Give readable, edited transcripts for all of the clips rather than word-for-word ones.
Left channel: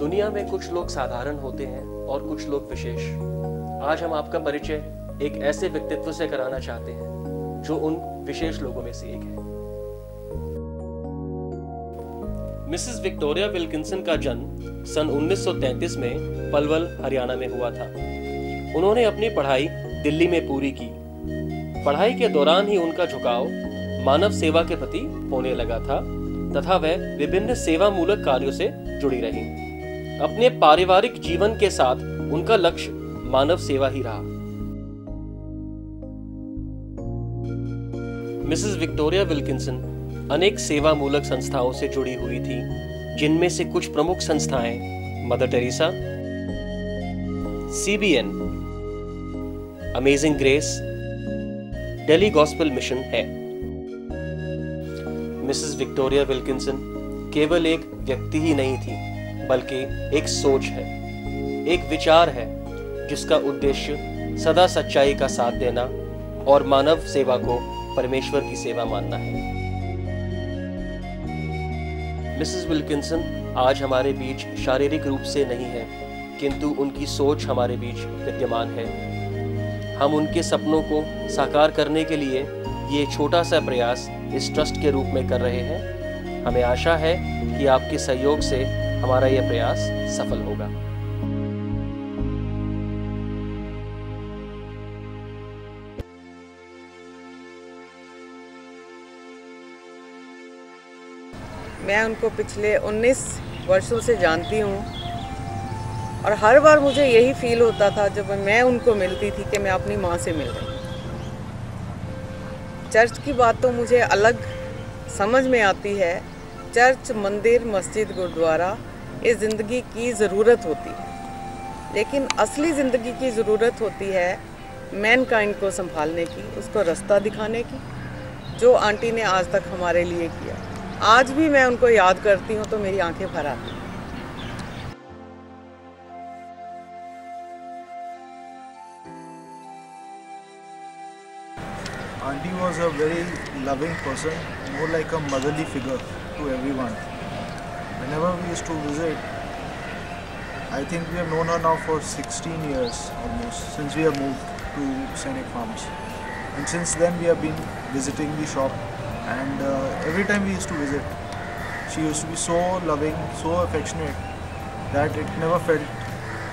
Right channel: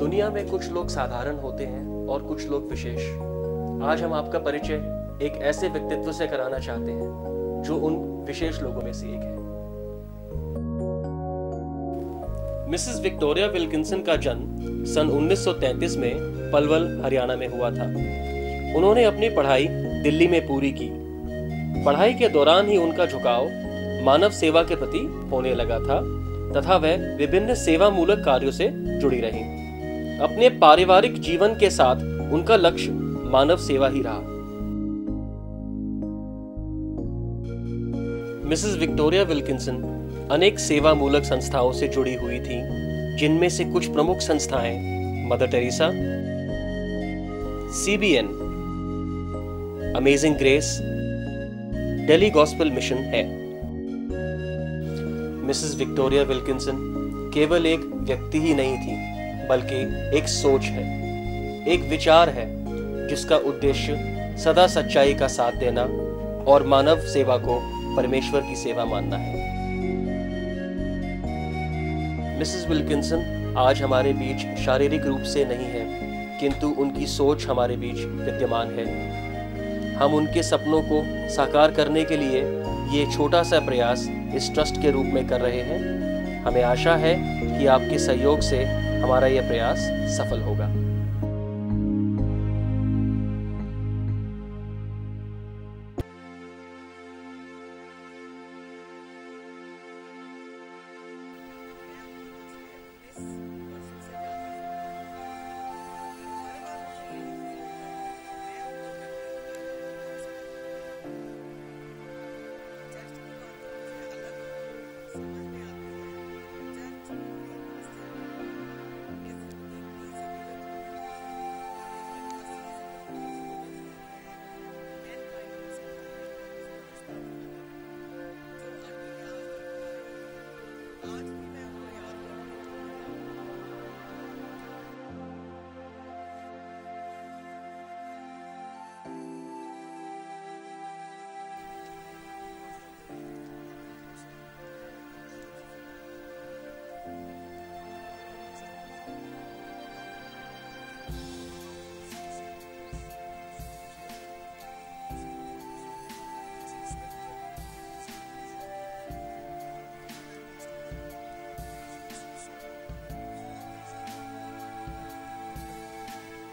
दुनिया में कुछ लोग साधारण होते हैं और कुछ लोग विशेष। आज हम आपका परिचय एक ऐसे व्यक्तित्व से कराना चाहते हैं जो उन विशेष लोगों में से एक है। मिसेस विक्टोरिया विल्किंसन का जन्म सन 1933 में पलवल, हरियाणा में हुआ था। उन्होंने अपनी पढ़ाई दिल्ली में पूरी की। पढ़ाई के दौरान ही उनका झुकाव मानव सेवा के प्रति होने लगा था तथा वह विभिन्न सेवा मूलक कार्यों से जुड़ी रही। अपने पारिवारिक जीवन के साथ उनका लक्ष्य मानव सेवा ही रहा। मिसेस विक्टोरिया विल्किंसन अनेक सेवा मूलक संस्थाओं से जुड़ी हुई थी, जिनमें से कुछ प्रमुख संस्थाएं mother Teresa, CBN, amazing grace, Delhi gospel mission है। मिसेस विक्टोरिया विल्किंसन केवल एक व्यक्ति ही नहीं थी, बल्कि एक सोच है, एक विचार है जिसका उद्देश्य सदा सच्चाई का साथ देना और मानव सेवा को परमेश्वर की सेवा मानना है। मिसेस विल्किंसन आज हमारे बीच शारीरिक रूप से नहीं है, किंतु उनकी सोच हमारे बीच विद्यमान है। हम उनके सपनों को साकार करने के लिए ये छोटा सा प्रयास इस ट्रस्ट के रूप में कर रहे हैं। हमें आशा है कि आपके सहयोग से हमारा यह प्रयास सफल होगा। मैं उनको पिछले 19 वर्षों से जानती हूँ और हर बार मुझे यही फील होता था जब मैं उनको मिलती थी कि मैं अपनी माँ से मिल रही हूँ। चर्च की बात तो मुझे अलग समझ में आती है। चर्च, मंदिर, मस्जिद, गुरुद्वारा इस ज़िंदगी की ज़रूरत होती है, लेकिन असली ज़िंदगी की ज़रूरत होती है मैनकाइंड को संभालने की, उसको रास्ता दिखाने की, जो आंटी ने आज तक हमारे लिए किया। आज भी मैं उनको याद करती हूँ तो मेरी आंखें भर आती हैं। Auntie was a very loving person, more like a motherly figure to everyone. Whenever we used to visit, I think we have known her now for 16 years almost, since we have moved to Scenic Farms. And since then we have been visiting the shop, and every time we used to visit, she used to be so loving, so affectionate, that it never felt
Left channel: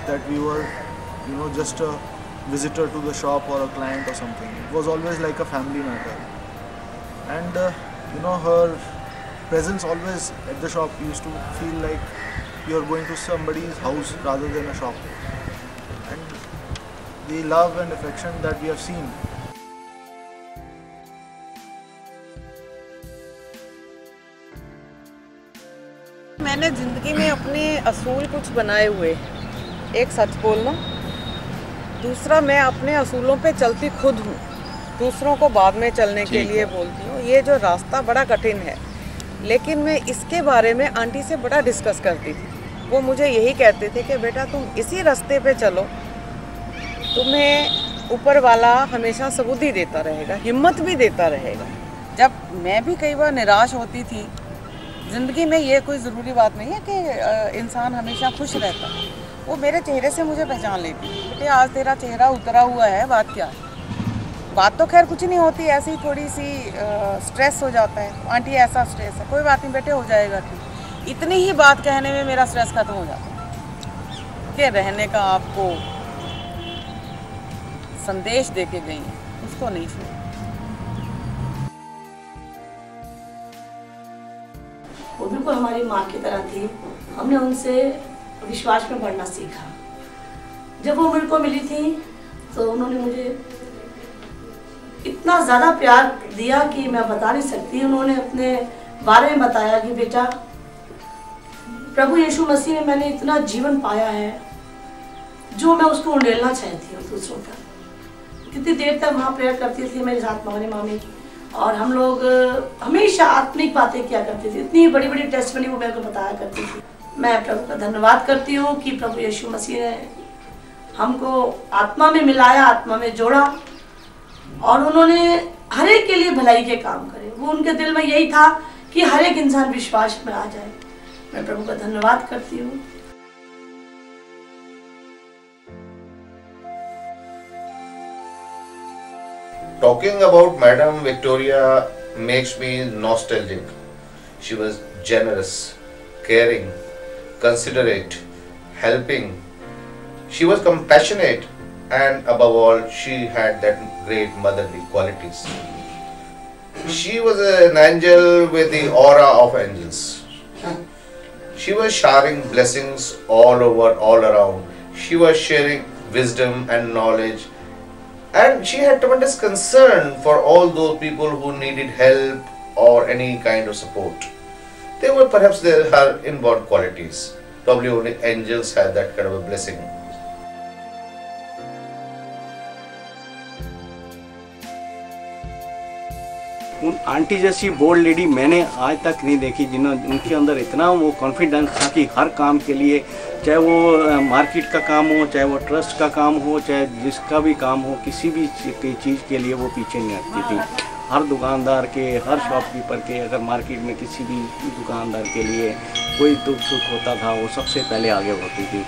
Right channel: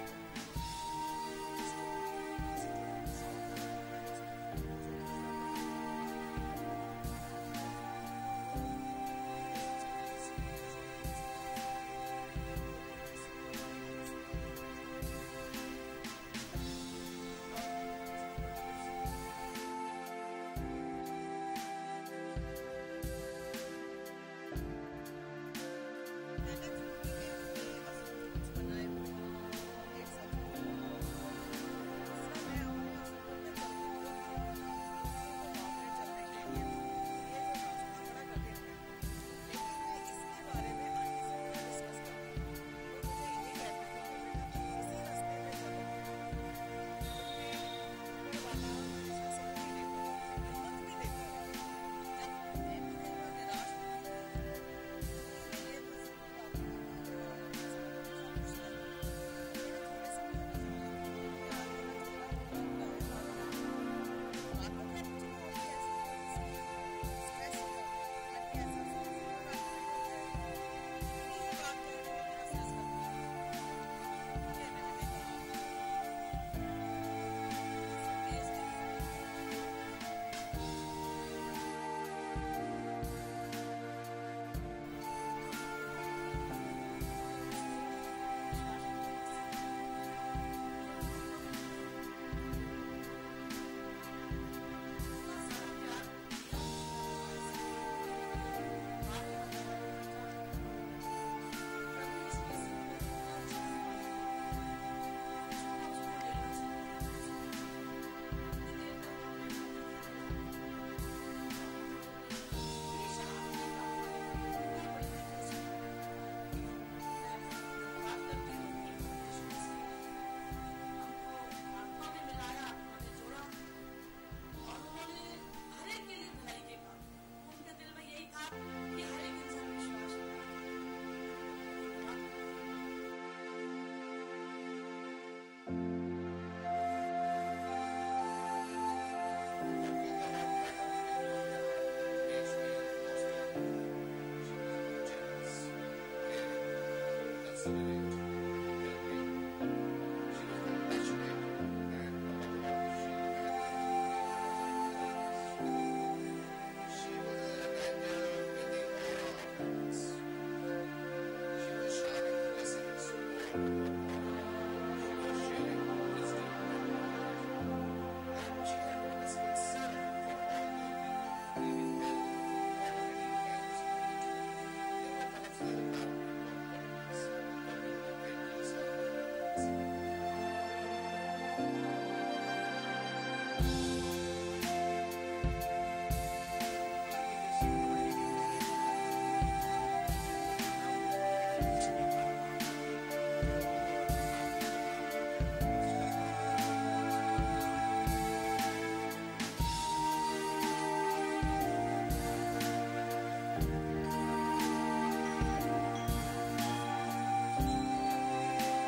that we were, just a visitor to the shop or a client or something. It was always like a family matter. And her presence always at the shop used to feel like you're going to somebody's house rather than a shop. And the love and affection that we have seen, मैंने ज़िंदगी में अपने असूल कुछ बनाए हुए। एक, सच बोलना। दूसरा, मैं अपने असूलों पे चलती खुद हूँ, दूसरों को बाद में चलने के लिए बोलती हूँ। ये जो रास्ता बड़ा कठिन है, लेकिन मैं इसके बारे में आंटी से बड़ा डिस्कस करती थी। वो मुझे यही कहते थे कि बेटा तुम इसी रास्ते पे चलो, तुम्हें ऊपर वाला हमेशा सबूती देता रहेगा, हिम्मत भी देता रहेगा। जब मैं भी कई बार निराश होती थी, ज़िंदगी में ये कोई ज़रूरी बात नहीं है कि इंसान हमेशा खुश रहता है। वो मेरे चेहरे से मुझे पहचान लेती, बेटे आज तेरा चेहरा उतरा हुआ है, बात क्या है? बात तो खैर कुछ नहीं होती, ऐसी थोड़ी सी स्ट्रेस हो जाता है। आंटी ऐसा स्ट्रेस है, कोई बात नहीं बेटे, हो जाएगा ठीक। इतनी ही बात कहने में मेरा स्ट्रेस खत्म हो जाता है कि रहने का आपको संदेश दे के गई, उसको नहीं सुना। वो बिल्कुल हमारी माँ की तरह थी। हमने उनसे विश्वास में बढ़ना सीखा। जब वो मेरे को मिली थी तो उन्होंने मुझे इतना ज़्यादा प्यार दिया कि मैं बता नहीं सकती। उन्होंने अपने बारे में बताया कि बेटा, प्रभु यीशु मसीह में मैंने इतना जीवन पाया है जो मैं उसको उंडेलना चाहती हूँ दूसरों पर। कितनी देर तक वहाँ प्रेयर करती थी मेरे साथ हमारी मामी, और हम लोग हमेशा आत्मिक बातें किया करते थे। इतनी बड़ी बड़ी टेस्टमनी वो मेरे को बताया करती थी। मैं प्रभु का धन्यवाद करती हूँ कि प्रभु यीशु मसीह ने हमको आत्मा में मिलाया, आत्मा में जोड़ा, और उन्होंने हर एक के लिए भलाई के काम करे। वो उनके दिल में यही था कि हर एक इंसान विश्वास में आ जाए। मैं प्रभु का धन्यवाद करती हूँ। Talking about Madam Victoria makes me nostalgic. She was generous, caring, considerate, helping. She was compassionate, and above all, she had that great motherly qualities. She was an angel with the aura of angels. She was showering blessings all over, all around. She was sharing wisdom and knowledge. And she had tremendous concern for all those people who needed help or any kind of support. They were perhaps her inborn qualities. Probably only angels have that kind of a blessing. उन aunty जैसी bold lady मैंने आज तक नहीं देखी, जिन्होंने उनके अंदर इतना वो कॉन्फिडेंस था कि हर काम के लिए, चाहे वो मार्केट का काम हो, चाहे वो ट्रस्ट का काम हो, चाहे जिसका भी काम हो, किसी भी चीज़ के लिए वो पीछे नहीं हटती थी। हर दुकानदार के, हर शॉपकीपर के, अगर मार्केट में किसी भी दुकानदार के लिए कोई दुख सुख होता था, वो सबसे पहले आगे होती थी।